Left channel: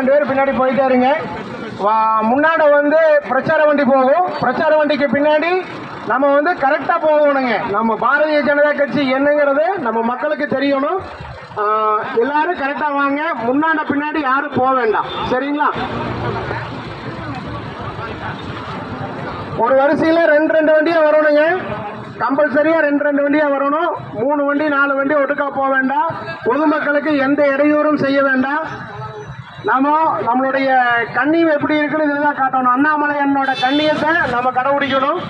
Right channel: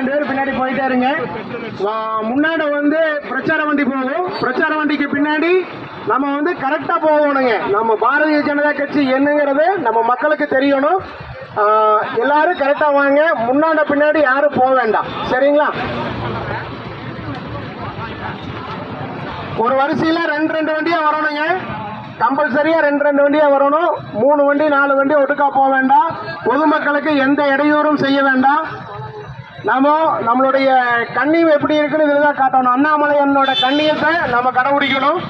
2 பேர் பின்னாடி போயிட்டே இருங்க. முன்னாடி வந்து பிரச்சார வண்டி போகும். பிரச்சார வண்டிக்கு பின்னாடி நம்ம வந்து கரெக்டா போகணுங்க. நம்ம பாரதிய ஜனதா கட்சி என்னங்கிறது நம்ம மக்களுக்கு தெரியணும். எல்லாரும் கரெக்டா வாங்க. முன்னாடி பின்னாடி யாரும் போக வேண்டாம். சரிங்களா? ஒரு வரிசையில 2 வண்டியா வரணுங்க. கம்பல்சரியா 2 வண்டியா வரணும். 3 வண்டி 4 வண்டி ஒட்டுக்கா போக வேண்டாம். பொதுமக்களுக்கு எந்த இடையூறும் செய்ய வேண்டாம். நம்மளுடைய கண்ணியம் எப்படி இருக்குன்னு இதுதான் காட்டணும். அண்ணாமலையனோட கண்ணியத்தை நம்ம கடைபிடிக்கணும்.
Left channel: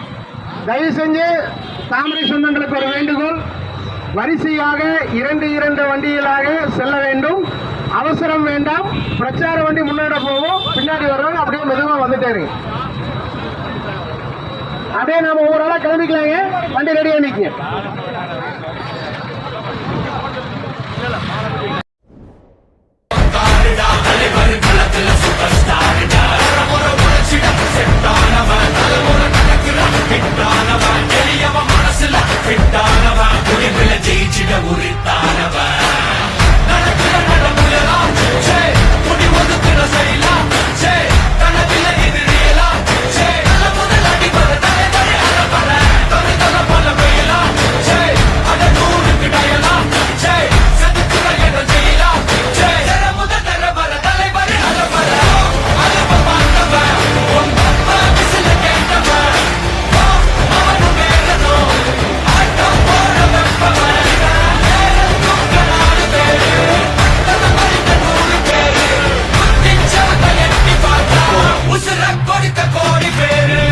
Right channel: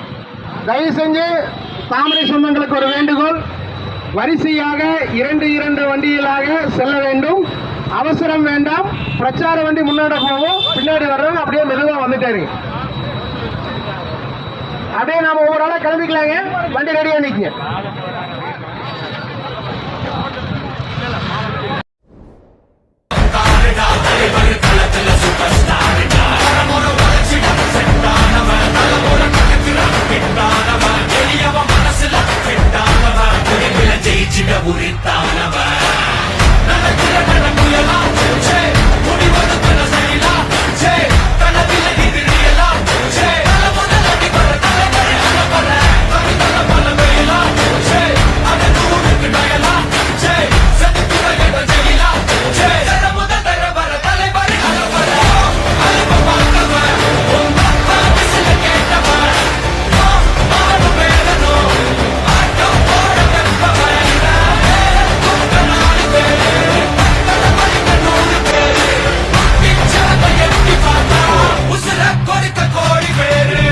தயவு செஞ்சு தாமரை சொந்தங்களுக்கு ஒரு வேண்டுகோள், வரிசையாக 2 வண்டிகளாக செல்ல வேண்டும். அவசரம் வேண்டாம். பிரச்சார வண்டி முன்னாடி போவோம், பின்னாடி வர்றவங்க அப்படியே மெதுவா வந்துட்டே இருக்கு. அப்படியே நாம ஒவ்வொரு ஆளா கிளம்பிக்கலாங்க. வண்டி ரெடியா நிற்குங்க. ஜெயிச்சிட உரித்தானவன் நடக்கிற நடமுயலா முடிவதுக்குற சரியிலா கனவில எதிரியலா தல முதல் அடிபட தலைவரை அகப்பட தனித்தல பல வெயிலா அட நூலுக்கு டயலா செதுக்கிற இடம் ஜெயிலா தர முதல் தரவர தலைவரை அகப்பட அழுப்ப பார்த்தவன் சில கேட்டவன் அவனும் பேரனும் ஆட்டம் போட வெப்பவன் கொடுக்க கோடி பேரு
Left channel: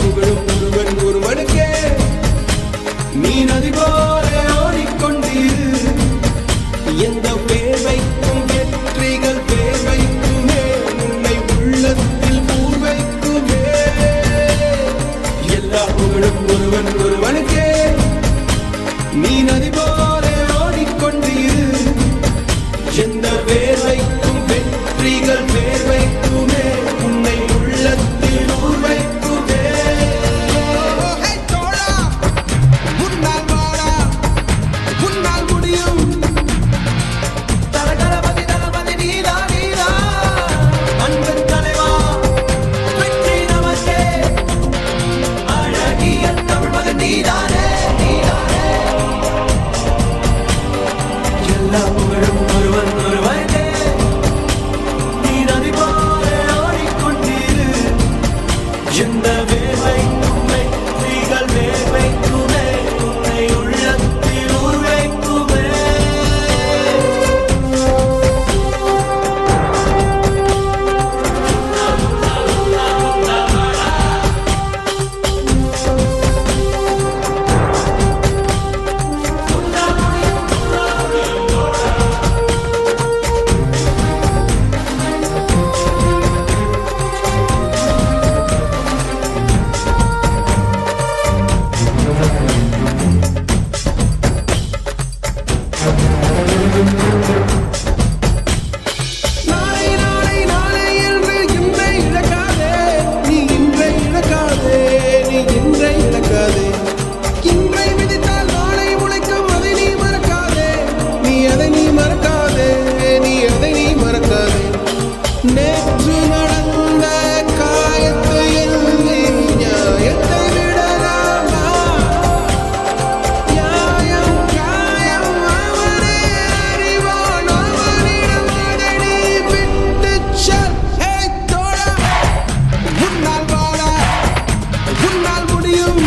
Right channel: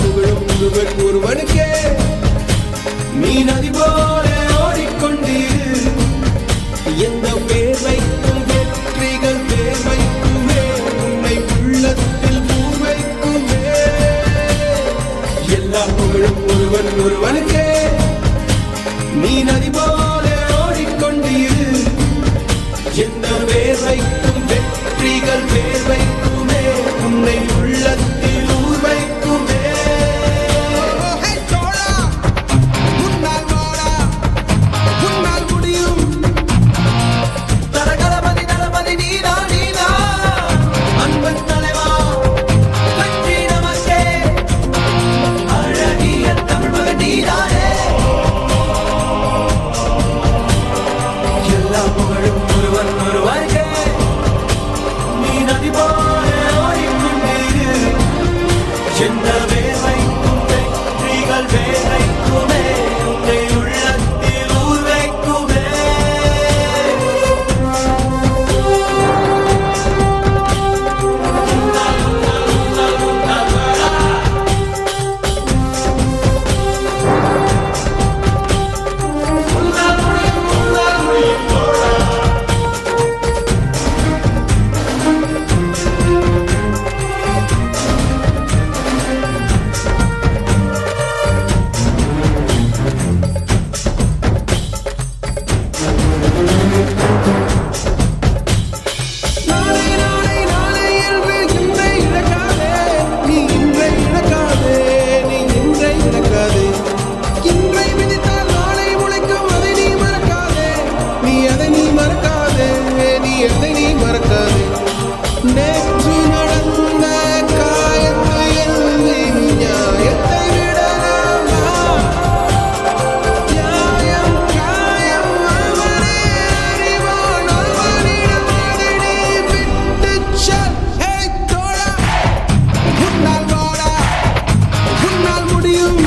புகழும் ஒருவன் ஒருவனுக்கே நீ நதி போல ஓடிக்கொண்டீர். எந்த பேர் வைக்கும் வெற்றிகள் பேர் வைக்குமே, உன்னை உள்ளத்தில் ஊர் வைக்குமே. எல்லா புகழும் ஒருவன் ஒருவனுக்கே நீ நதி போல ஓடிக்கொண்டீர். எந்த பேர் வைக்கும் வெற்றிகள் பேர் வைக்குமே, உன்னை உள்ளத்தில் ஊர் வைக்குமே. நேற்று நடந்த காயத்தை எழுதி நியாயத்தை விடலாமா? நியாயம் காயம் அவனே அறிவான், அவனிடம் அதை நீ விட்டுச் செல். தோழா, உன்னால் வாழ உன்னால் முடியும்.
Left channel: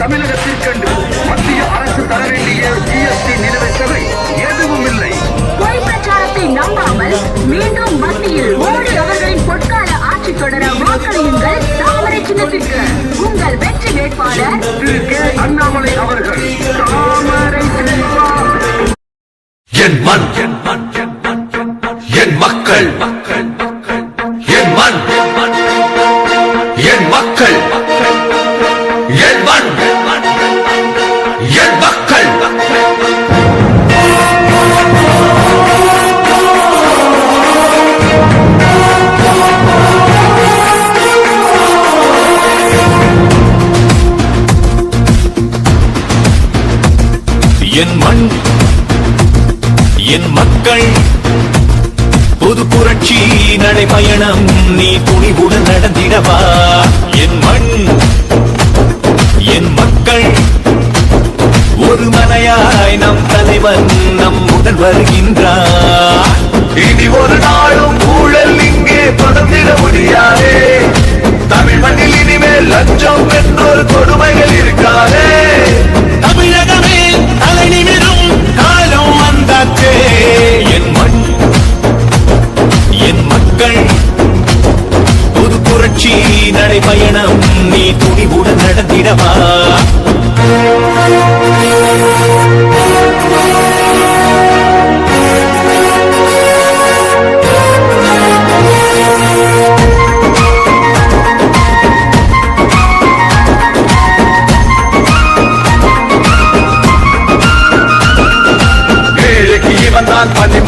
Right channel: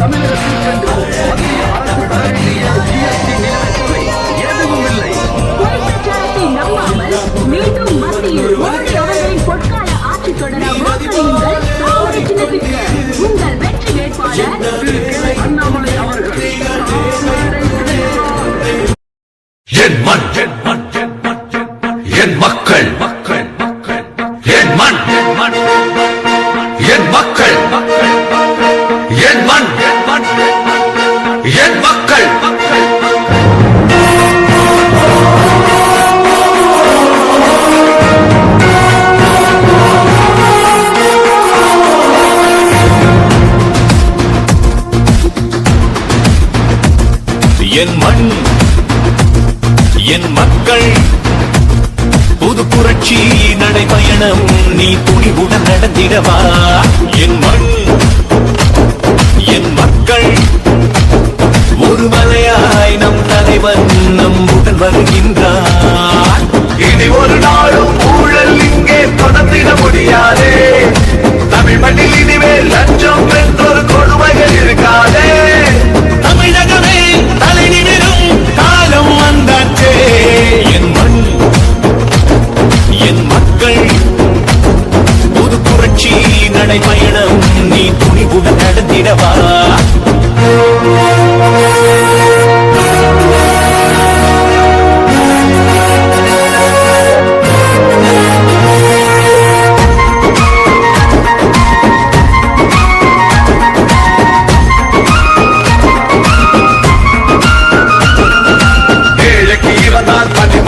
தமிழகத்திற்கென்று அண்ணாமலை அவர்கள் என் மண் என் மக்கள் என் மண் என் மக்கள் என் மண் என் மக்கள் என் மண் என் மக்கள் புது புரட்சி நடைபயணம் நீ துணிவுடன் நடந்திடவா என் மண் என் மக்கள் ஒரு மலையாய் நம் தலைவன் நம்முடன் வருகின்றார் இனி ஒரு நாளும் ஊழல் இங்கே தொடர்ந்திட முடியாதே தமிழ் மண்ணில் இனிமேல் லஞ்சம் என்றொரு கொடுமைகள் இருக்காதே தமிழகமே தலை நிமிரும் காலம் வந்தாச்சே என் மண் என் மக்கள் ஒரு புரட்சி நடைபயணம் நீ துணிவுடன் நடந்திடவா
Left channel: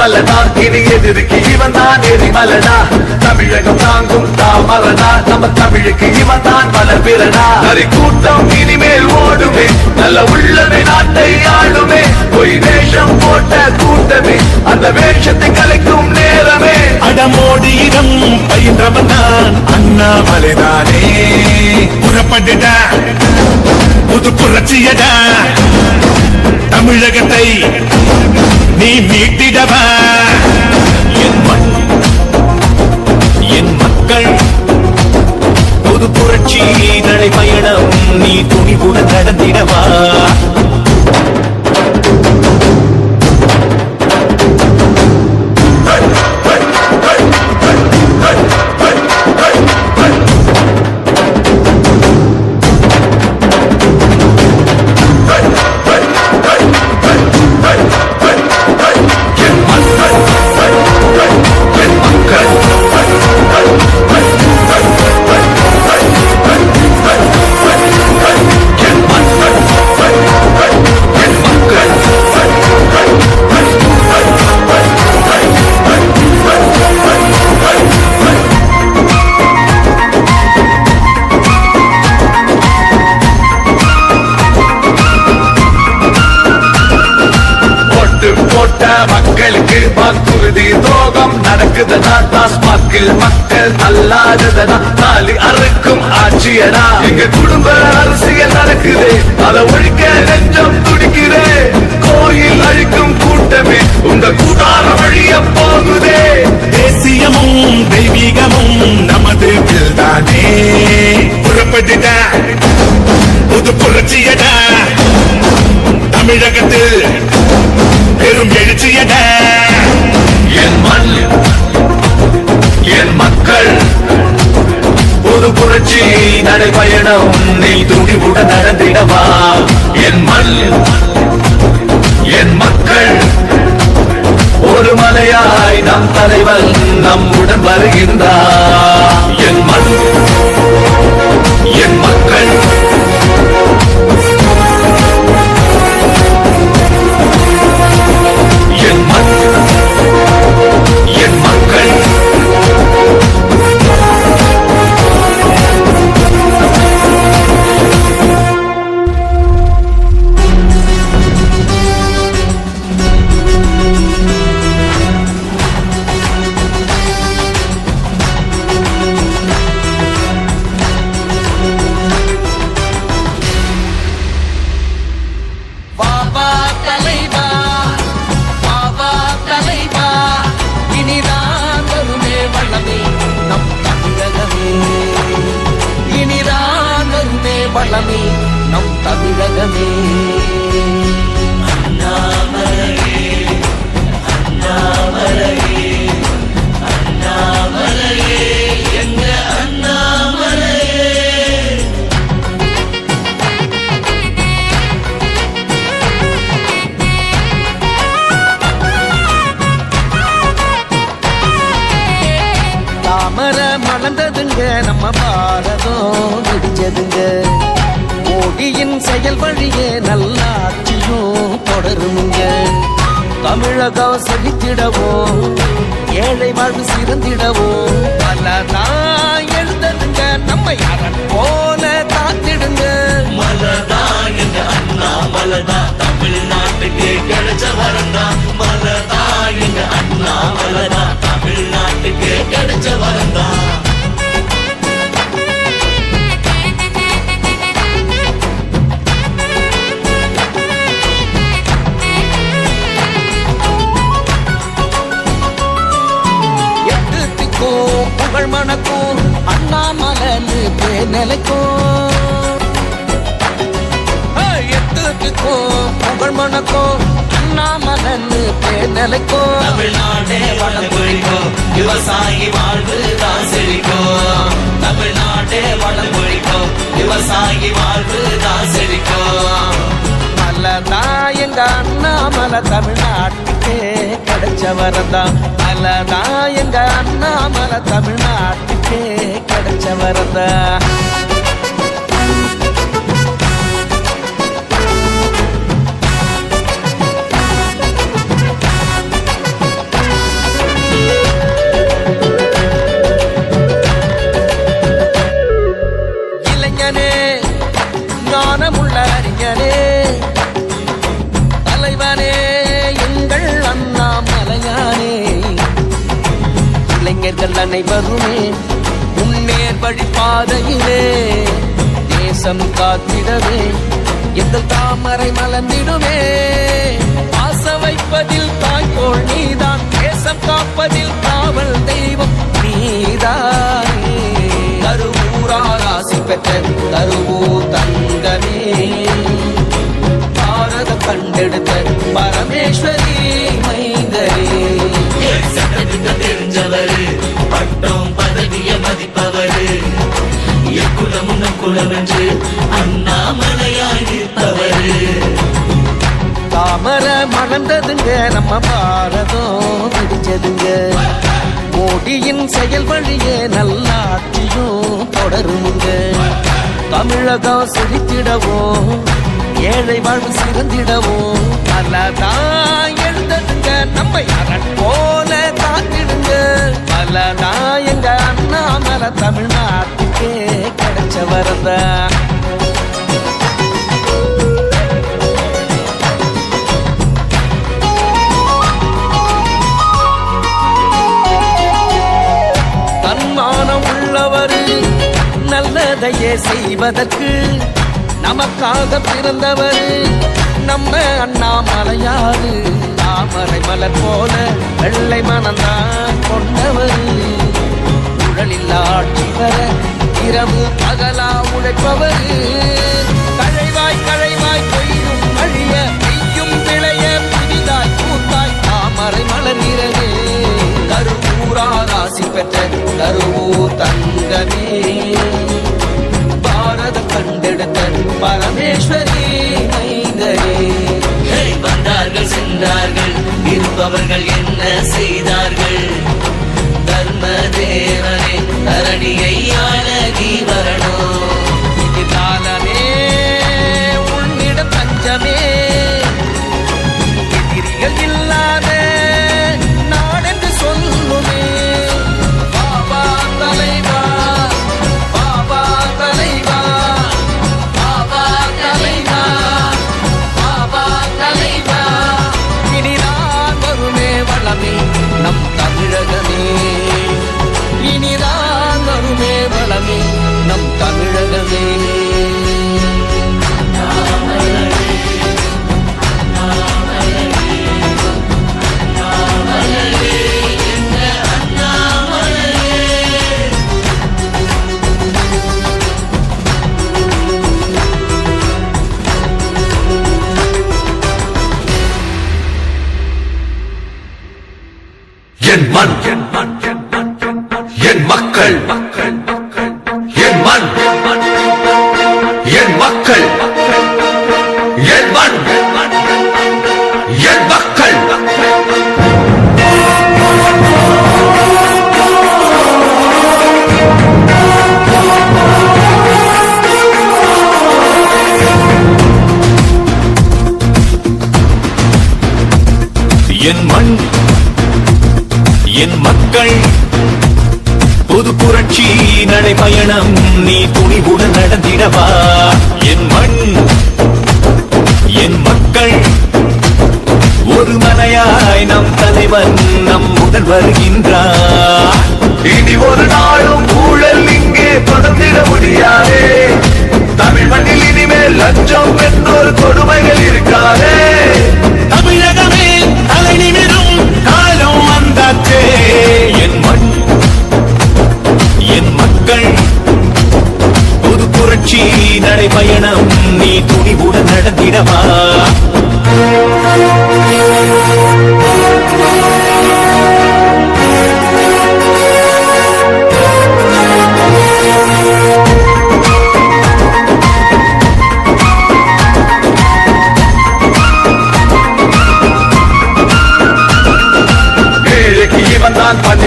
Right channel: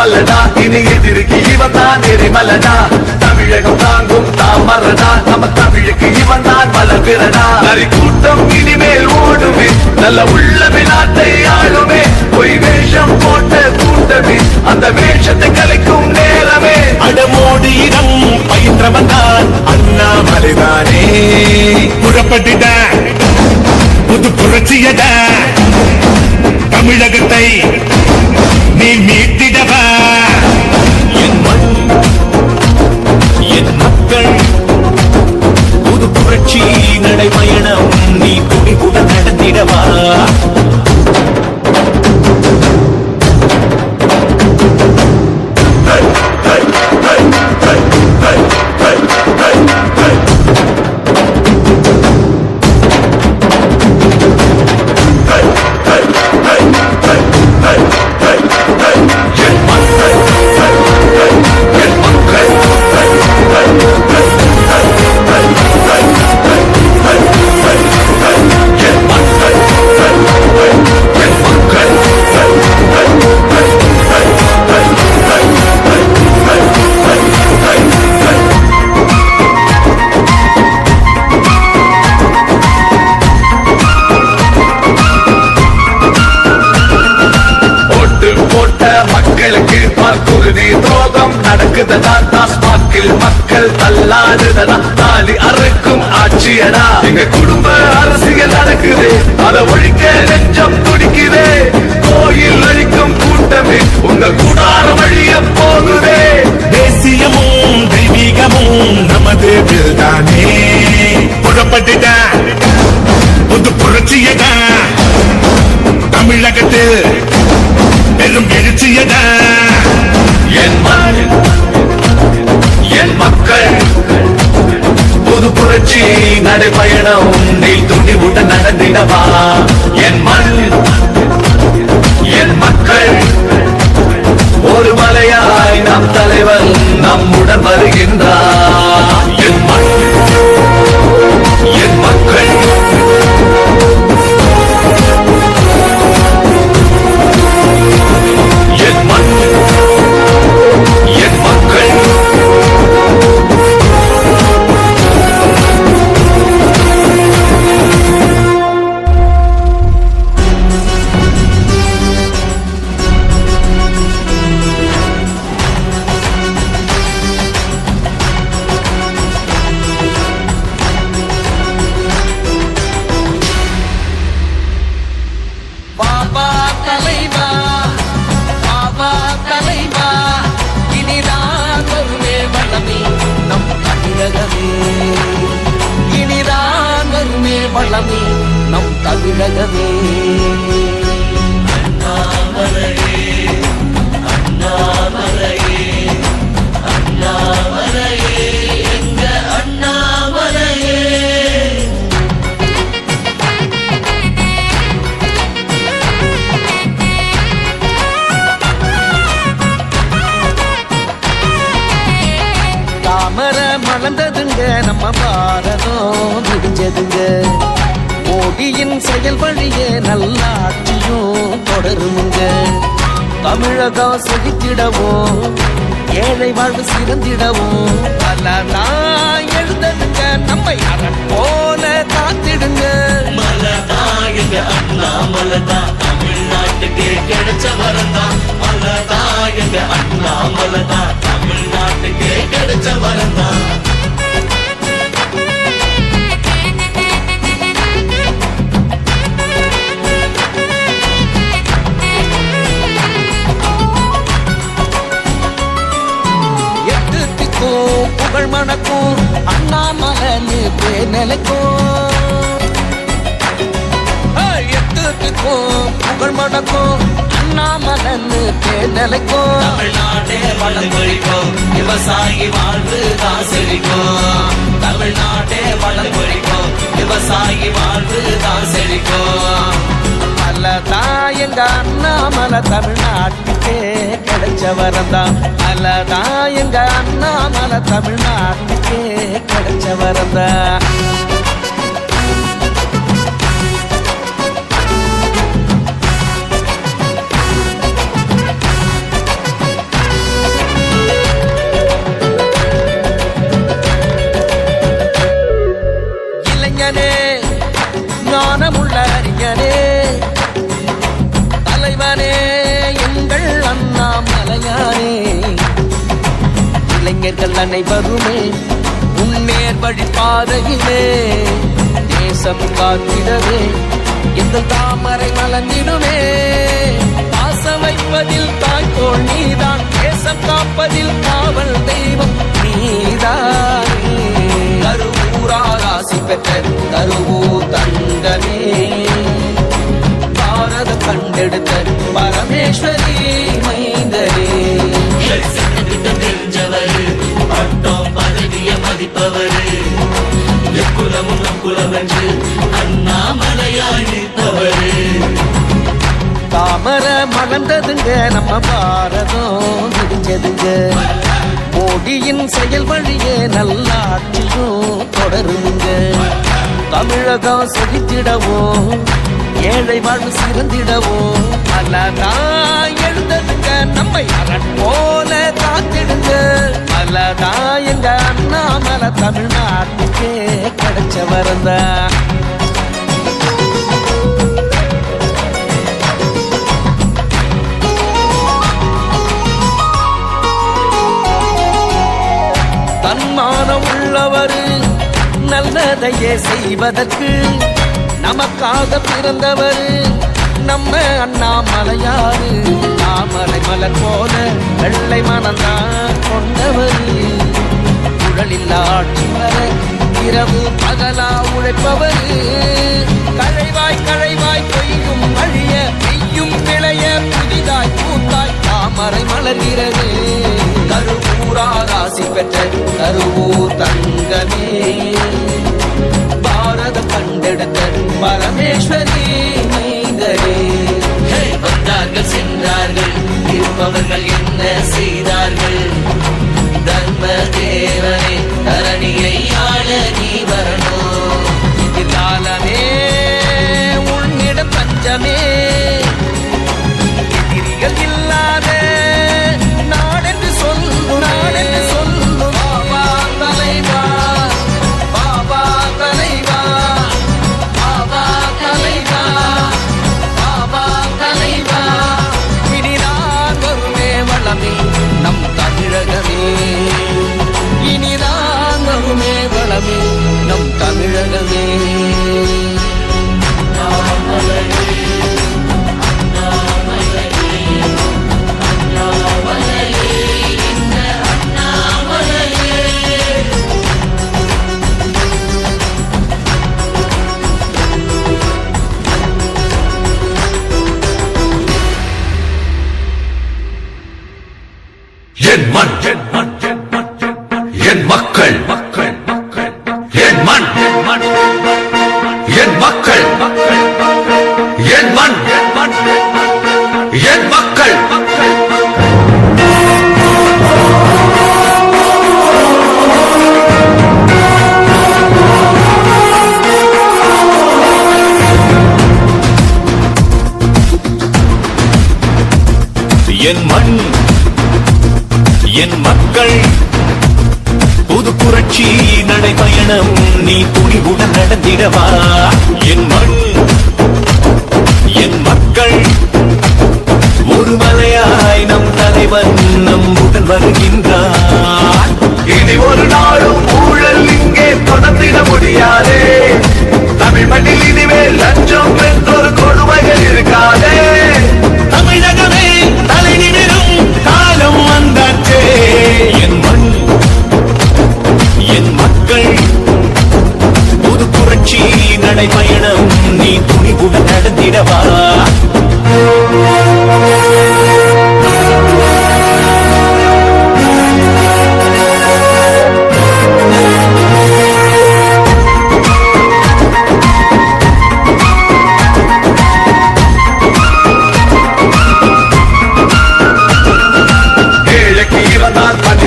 மல்லடா இனி எதிர்க்கு இவன் தான் எரிமலடா தமிழகம் தாங்கும் தாமரடா நம்ம தமிழுக்கு இவன் தான் பல பிறடா நரி கூட்டம் இனிமேல் ஓடுமே நல்ல உள்ளவே நாட்டை ஆளுமே பொய் வேஷம் போட்ட கூட்டமே அந்த வேஷத்தை கலைக்கும் நேரமே அடமோடு இடம் பயின்றவன் தான் அண்ணாமலைதானே புறப்பட்டுட புது புரட்சியடா தமிழகத்தை நீ மீட்டிடவா என் மண் என் மக்கள் புது புரட்சி நடைபயணம் நீ துணிவுடன் நடந்திடவா மக்களுக்கு வாக்குறுதி துரோகம் நடக்குதடா டாஸ்மாகில் மக்கள் தள்ளாடுதடா தாலி அறுக்கும் ஆட்சியடா எங்க குடும்ப அரசியல் நடக்குது அதை ஒழிக்க நெஞ்சம் துடிக்குதே கோயில் அழிக்கும் கூட்டமே உங்க கூடார வழிய போகுதே தேசியமும் தெய்வீகமும் நமது தானே புறப்பட்டுட புது புரட்சியடா தமிழகத்தில் பெரும் எழுச்சியட என் மண் என் மக்கள் ஒரு புரட்சி நடைபயணம் நீ துணிவுடன் நடந்திடவா என் மண் என் மக்கள் ஒரு மலையாய் நம் தலைவன் நம்முடன் வருகின்றார் என் மண் என் மக்கள் என் மண் என் மக்கள் பாபா தலைவா பாபா தலைவா இனிதான் வருமே வளமே நம் தமிழகமே இனிதான் வருமே வளமே நம் தமிழகமே மலர்ந்ததுங்க நம்ம பாரதம் விடிஞ்சதுங்க. மோடியின் செயல் வழியே நல்லாட்சியும் தொடருமுங்க. தமிழகம் செழித்திடவும் ஏழை வாழ்வு சிறந்திடவும் மலர்தான் எழுந்ததுங்க. நம்மை அரண் போல காத்திடுங்க. எட்டுத்திக்கும் புகழ் மணக்கும் அண்ணாமலைன்னு பேர் நிலைக்கும். எட்டுத்திக்கும் புகழ் மணக்கும் அண்ணாமலைன்னு பேர் நிலைக்கும். தமிழ்நாடே வளம் கொழிக்கும், விவசாயி வாழ்வு தான் செழிக்கும். தமிழ்நாடே வளம் கொழிக்கும், விவசாயி வாழ்வு தான் செழிக்கும். மலதான் எங்க அண்ணாமலை தமிழ்நாட்டுக்கே கிடைச்ச வரந்தான். மலதான் எங்க அண்ணாமலை தமிழ்நாட்டுக்கே கிடைச்ச வரந்தான். இளைஞனே ஞானமுள்ள அறிஞனே தலைவனே எங்கள் அண்ணாமலையானே. இளைஞர்கள் அனைவருமே முன்னேர் வழி பாதையிலே தேசம் காத்திடவே எங்கள் தாமரை மலர்ந்திடுமே. பாசம் வைப்பதில் தாய்கோள் நீதான், தேசம் காப்பதில் காவல் தெய்வம் நீதானே. கருவூரார் ஆசி பெற்ற கருவூர் தங்கமே, பாரதம் கண்டெடுத்த பரமேஸ்வரி மைந்தரே. பட்டம் பதவிய மதிப்பவரு, எக்குலமும் குலம் என்று அண்ணாமலையாய் நிற்பவரு. தாமரை மலர்ந்ததுங்க நம்ம பாரதம் விடிஞ்சதுங்க. மோடியின் செயல் வழியே நல்லாட்சியும் தொடருமுங்க. தமிழகம் செழித்திடவும் ஏழை வாழ்வு சிறந்திடவும் மலதான் எழுந்ததுங்க. நம்மை அரண் போல காத்திடுங்க. மலதான் எங்க அண்ணாமலை தமிழ்நாட்டுக்கே கிடைச்ச வரந்தான். தன்மானம் உள்ளவரு நல்லதையே செய்வதற்கு நமக்காக பிறந்தவரு நம்ம அண்ணாமலையாரு. தாமரை மலர் போல வெள்ளை மனந்தான் கொண்டவரு. ஊழலில்லா ஆட்சி வர இரவு பகலா உழைப்பவரு. கழைவாய் கழைவாய் பொய்யும் அழிய பெய்யும் விளைய புதிதாய் பூத்தாய் தாமரை மலர்கிறது. கருவூரார் ஆசி பெற்ற கருவூர் தங்கமே, பாரதம் கண்டெடுத்த பரமேஸ்வரி மைந்தரே. வந்தார்கள் சென்றார்கள், இருப்பவர்கள் என்ன செய்தார்கள்? தர்ம தேவனே தரணியை ஆள நீ வரணும். எதிர்காலமே உன்னிடம் தஞ்சமே, எதிரிகள் இல்லாத நாடென்று சொல்லுமே. பாபா தலைவா, பாபா தலைவா, பாபா தலைவா, பாபா தலைவா. இனிதான் வருமே வளமே நம் தமிழகமே. இனிதான் வருமே வளமே நம் தமிழகமே. என் மண், என் மக்கள், என் மண், என் மக்கள். என் மண் என் மக்கள் புது புரட்சி நடைபயணம் நீ துணிவுடன் நடந்திடவா என் மண் என் மக்கள் ஒரு மலையாய் நம் தலைவன் நம்முடன் வருகின்றார் இனி ஒரு நாளும் ஊழல் இங்கே தொடர்ந்திட முடியாதே தமிழ் மண்ணில் இனிமேல் லஞ்சம் என்றொரு கொடுமைகள் இருக்காதே தமிழகமே தலை நிமிரும் காலம் வந்தாச்சே என் மண் என் மக்கள் புது புரட்சி நடைபயணம் நீ துணிவுடன் நடந்திடவா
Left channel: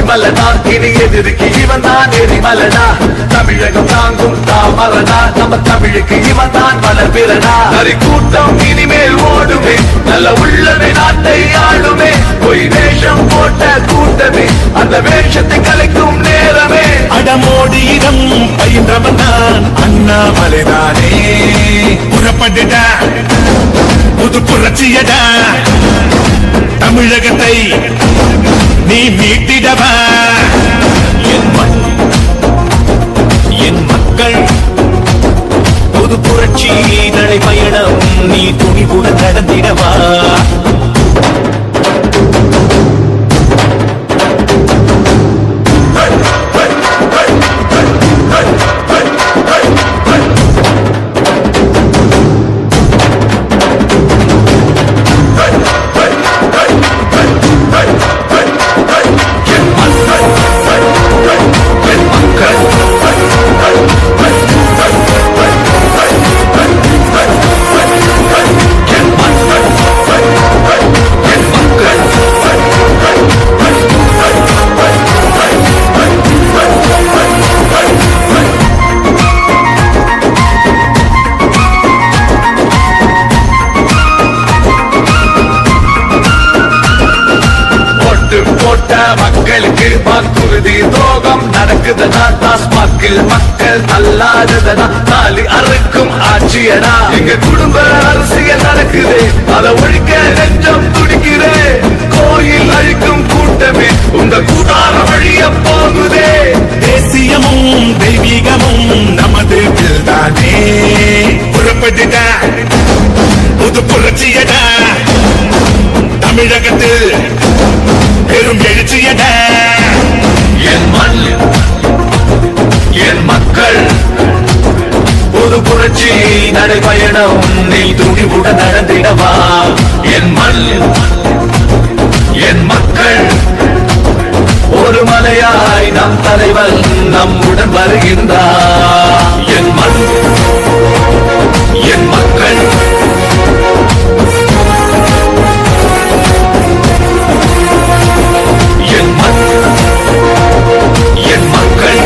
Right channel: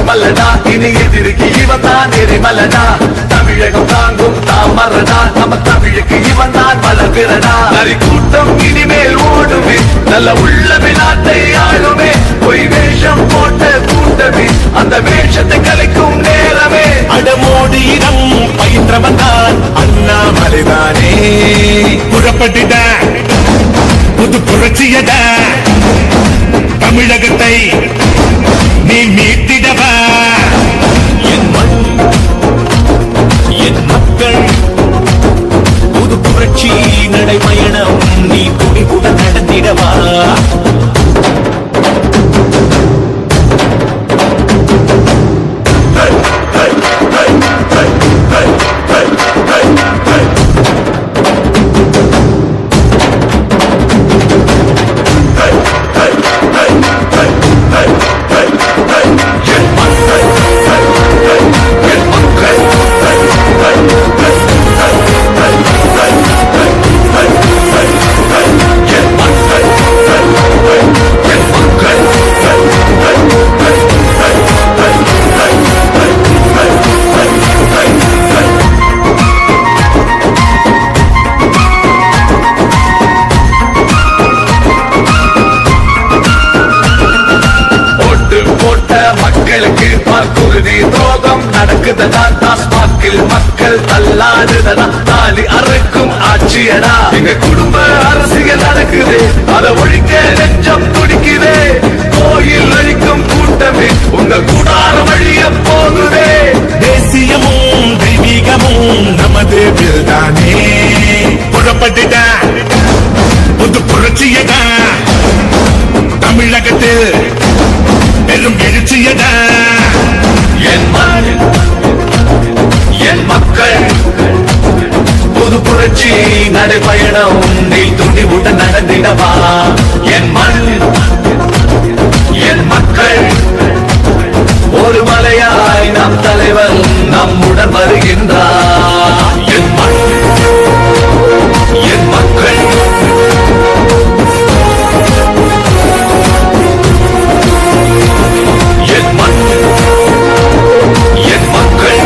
மல்லடா இனி எதிர்க்கு இவன் தான் எரிமலடா தமிழகம் தாங்கும் தாமரடா நம்ம தமிழுக்கு இவன் தான் பலபிரடா நரி கூட்டம் இனிமேல் ஓடுமே நல்ல உள்ளவே நாட்டை ஆளுமே பொய் வேஷம் போட்ட கூட்டமே அந்த வேஷத்தை கலைக்கும் நேரமே அடமோடி இடம் பயின்றவன் தான் அண்ணாமலைதானே புறப்பட்டுட புது புரட்சியடா தமிழகத்தை நீ மீட்டிடவா என் மண் என் மக்கள் புது புரட்சி நடைபயணம் நீ துணிவுடன் நடந்திடவா மக்கள் அல்லாததா தாலி அறுக்கும் ஆட்சியடா எங்க குடும்ப அரசியல் நடக்குது அதை ஒழிக்க நெஞ்சம் துடிக்குதே கோயில் அழிக்கும் கூட்டமே உங்க கூடார வழிய போகுதே தேசியமும் தெய்வீகமும் நமது தானே புறப்பட்டுட புது புரட்சியடா தமிழகத்தில் பெரும் எழுச்சியடா என் மண் என் மக்கள் புது புரட்சி நடைபயணம் நீ துணிவுடன் நடந்திடவா என் மண் என் மக்கள் ஒரு மலையாய் நம் தலைவன் நம்முடன் வருகின்றார் என் மண் என் மக்கள் என் மண் என் மக்கள்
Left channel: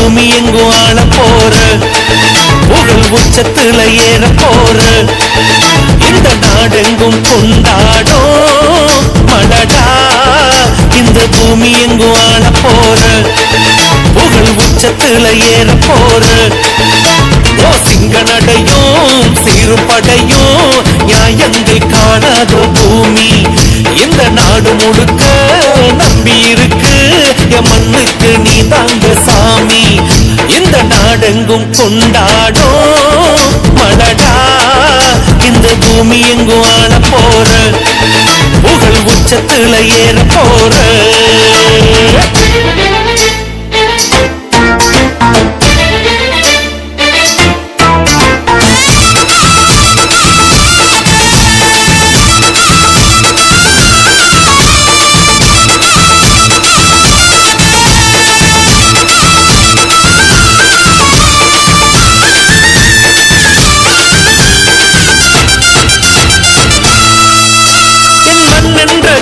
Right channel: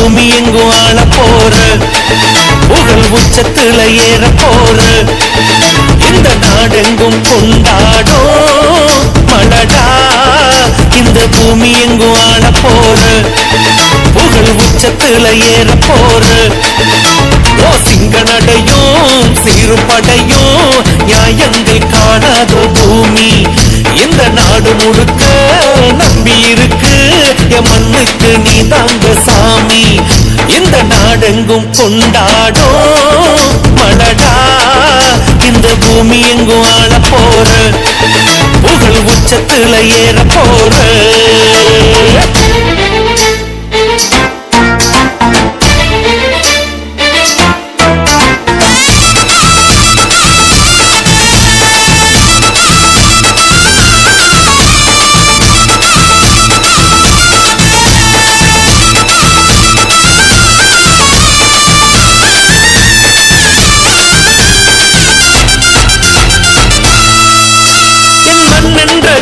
பூமி எங்கும் ஆள போற புகழ் உச்சத்துல ஏற போற இந்த நாடெங்கும் கொண்டாடும் மலடா இந்த பூமி எங்கும் ஆள போற புகழ் உச்சத்துல ஏற போற ஓ சிங்க நடையும் சீருப்படையும் நியாயங்கள் காணாத பூமி இந்த நாடு முழுக்க நம்பி இருக்கு என் மண்ணுக்கு நீ தாங்க சாமி இந்த நாடெங்கும் கொண்டாடும் மலடா இந்த பூமி எங்கும் ஆள போற புகழ் உச்சத்துல ஏற போற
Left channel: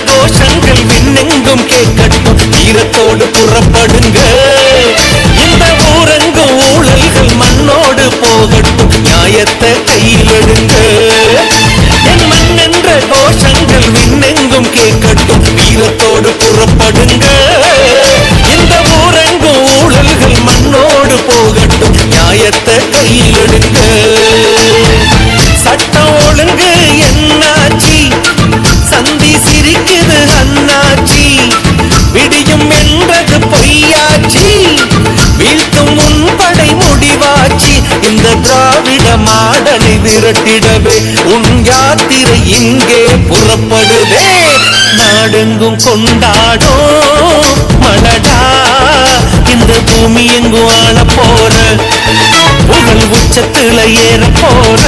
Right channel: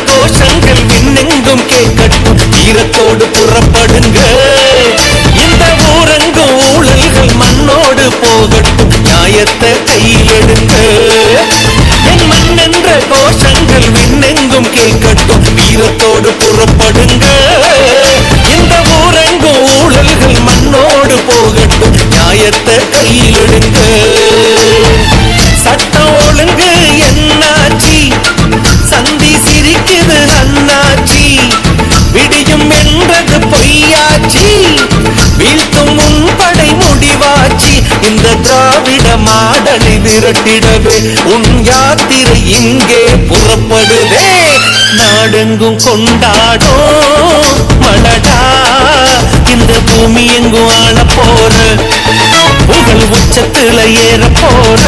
கோஷங்கள் விண்ணெங்கும் கேட்கட்டும் வீரத்தோடு புறப்படுங்க இந்த ஊரெங்கும் ஊழல்கள் மண்ணோடு போகட்டும் நியாயத்தை கையில் எடுங்க என் மண் என்ற கோஷங்கள் விண்ணெங்கும் கேட்கட்டும் வீரத்தோடு புறப்படுங்க இந்த ஊரெங்கும் ஊழல்கள் மண்ணோடு போகட்டும் நியாயத்தை கையில் எடுங்க சட்டம் ஒழுங்கு என்னாச்சி சந்தி சிரிக்குது அண்ணாச்சி விடியும் என்றது பொய்யாச்சி வீழ்த்தும் முன்படை முடிவாச்சி இந்த திராவிட மாடலை விரட்டிடவே உன் யாத்திரை இங்கே புறப்படுதே நாடெங்கும் கொண்டாடும் மலடா இந்த பூமி எங்கும் ஆள போற புகழ் உச்சத்துல ஏற போற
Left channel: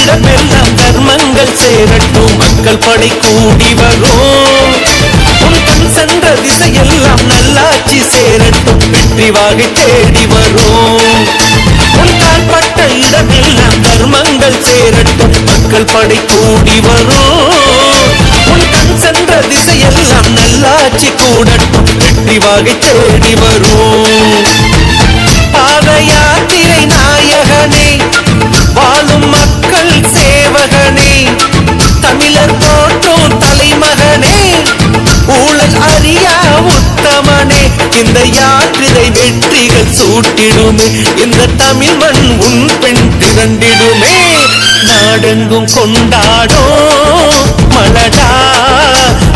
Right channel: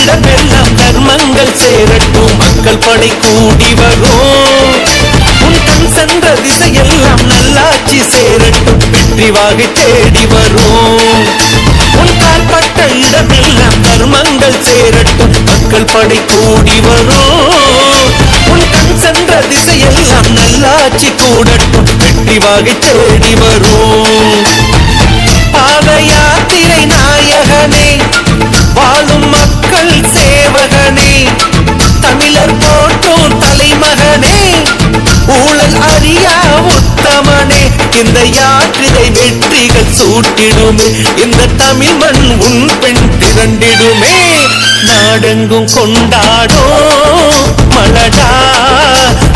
இடமெல்லாம் தர்மங்கள் சேரட்டும் மக்கள் படை கூடி வரும் உன் கண் சென்ற திசையெல்லாம் நல்லாட்சி சேரட்டும் வெற்றி வாகை தேடி வரும் உன் கால்பட்ட இடமெல்லாம் தர்மங்கள் சேரட்டும் மக்கள் படை கூடி வரும் உன் கண் சென்ற திசையெல்லாம் நல்லாட்சி கூடட்டும் வெற்றி வாகை தேடி வரும் பாத யாத்திரை நாயகனே வாழும் மக்கள் சேவகனே தமிழர் போற்றும் தலைமகனே ஊழல் அறியா உத்தமனே இந்த யாத்திரை வெற்றிகள் சூட்டிடுமே இந்த தமிழ் மண் உன் பெண் திரண்டிடுமே நாடெங்கும் கொண்டாடும் மலடா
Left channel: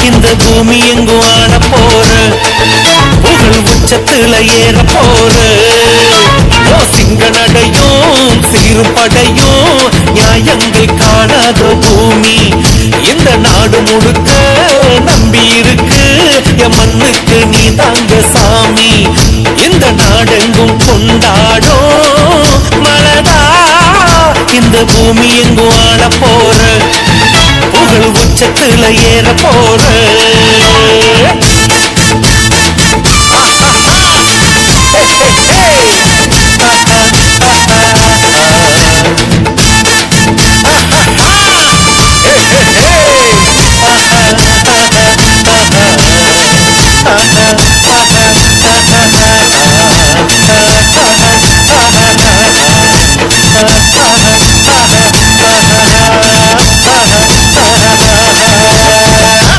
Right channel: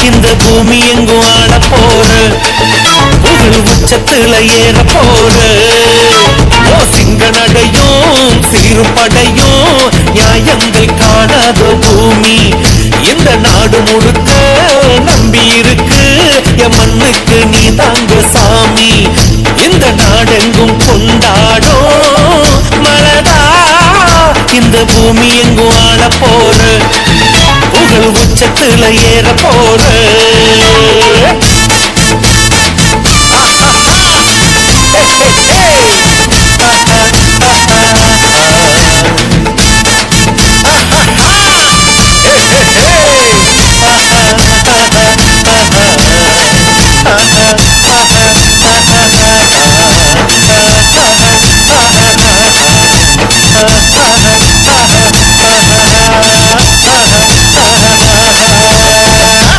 இந்த பூமி எங்கும் ஆள போற புகழ் உச்சத்துல ஏற போற ஓ சிங்க நடையும் சீருப்படையும் நியாயங்கள் காணாத பூமி இந்த நாடு முழுக்க நம்பி இருக்கு என் மண்ணுக்கு நீ தாங்க சாமி இந்த நாடெங்கும் கொண்டாடும் மலடா இந்த பூமி எங்கும் ஆள போற புகழ் உச்சத்துல ஏற போற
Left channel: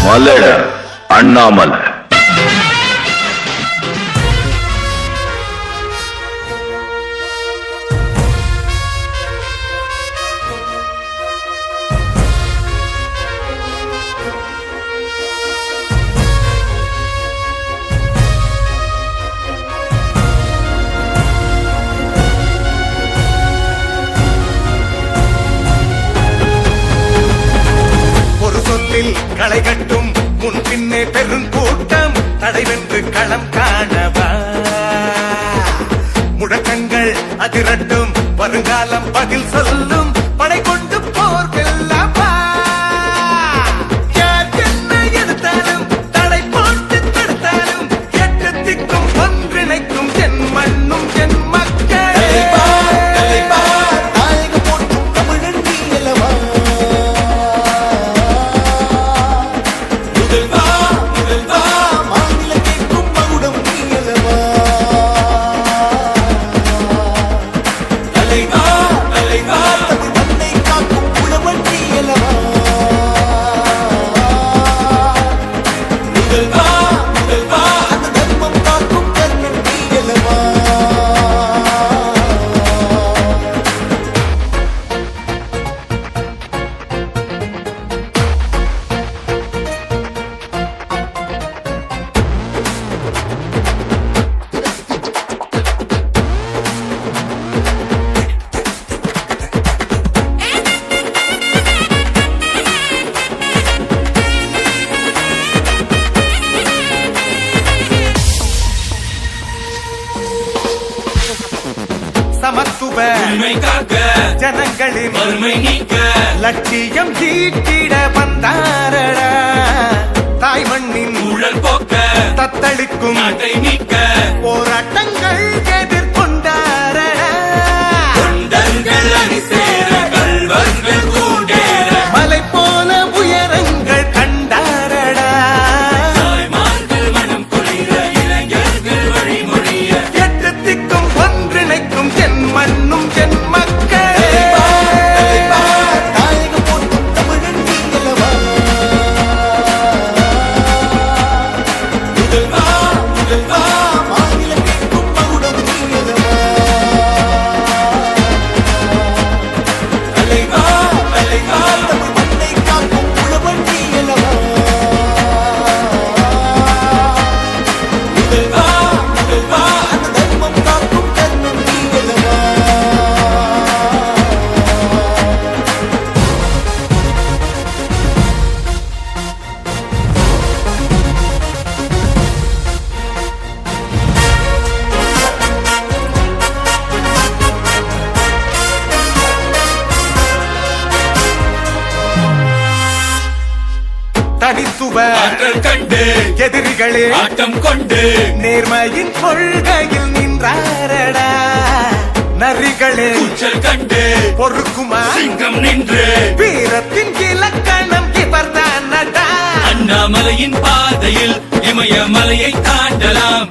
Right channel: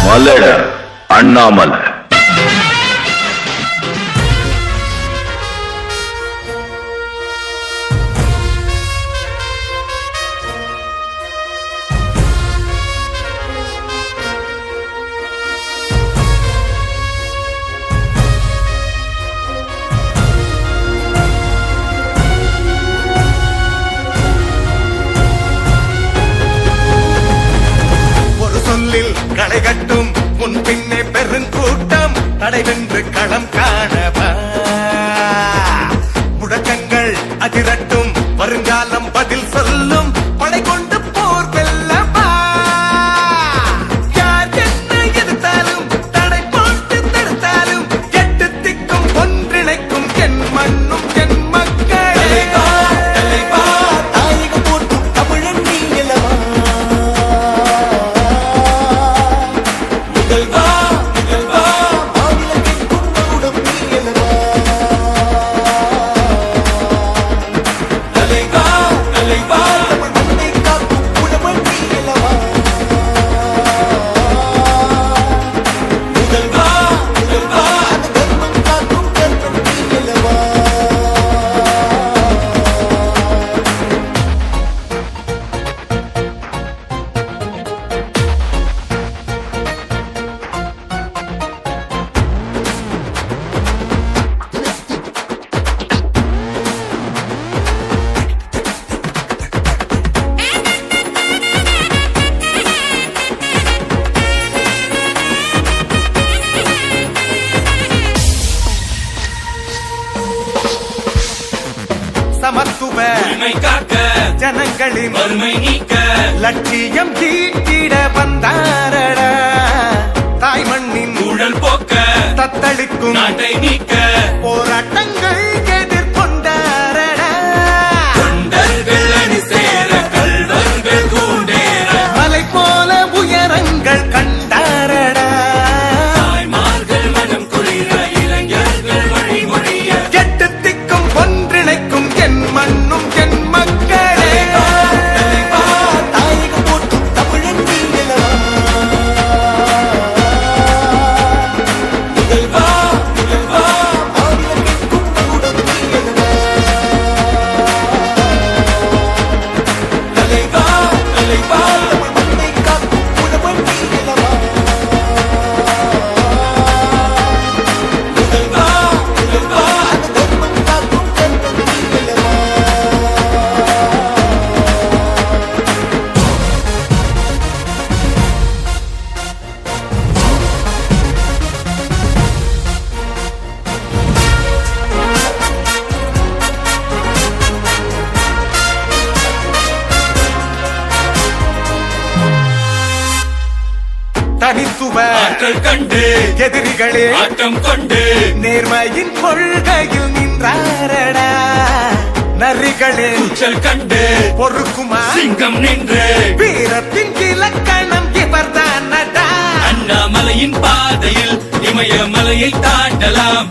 மலட அண்ணாமலை ஒரு சொல்லில் களை கட்டும் முன் பின்னே பெருங்கூட்ட அதிரட்டும் வருங்காலம் பதில் சொல்லும் படை கொண்டு போர் வெல்லவா யார் என்ன எதிர்த்தாலும் தடை போட்டு தடுத்தாலும் கேட்டு திக்கும் ஒன்றிணைக்கும் என் மண்ணும் என் மக்களே தாய்க்கு போட்டும் தமிழன் நீலவா முதல்வா மாநில கேட்கும் மகுடம் நீலவா தலைவா தமிழ் மண்ணை காக்கும் குணமன் நீலவா முதல்வா அந்த தர்மம் காக்கும் கண்ணன் நீலவா சமத்துவ ஜனங்களின் லட்சியம் ஈட்டிட வந்தாரடா தாய் மண்ணின் தத்தளிக்கும் போராட்டங்கள் எதிர்கொண்டாரடா மலை போல உயரங்கள் கண்டாரடா எட்டு திக்கும் ஒன்றிணைக்கும் என் மண்ணும் என் மக்களே தாய்க்கு போட்டும் தமிழன் நீலவா முதல்வா மாநிலம் கேட்கும் மகுடம் நீலவா தலைவா தமிழ் மண்ணை காக்கும் குணமன் நீலவா முதல்வா அந்த தர்மம் காக்கும் கண்ணன் நீலவா தனித்துவ எதிரிகளே நேர்மையின் கொள்கையில் நின்றாரடா நரிகளின் பொறுக்குமா வீரத்தின் இலக்கணம் இவர்தானடா அண்ணாமலையின் பாதையில் இமயமலையை தாண்டலாம்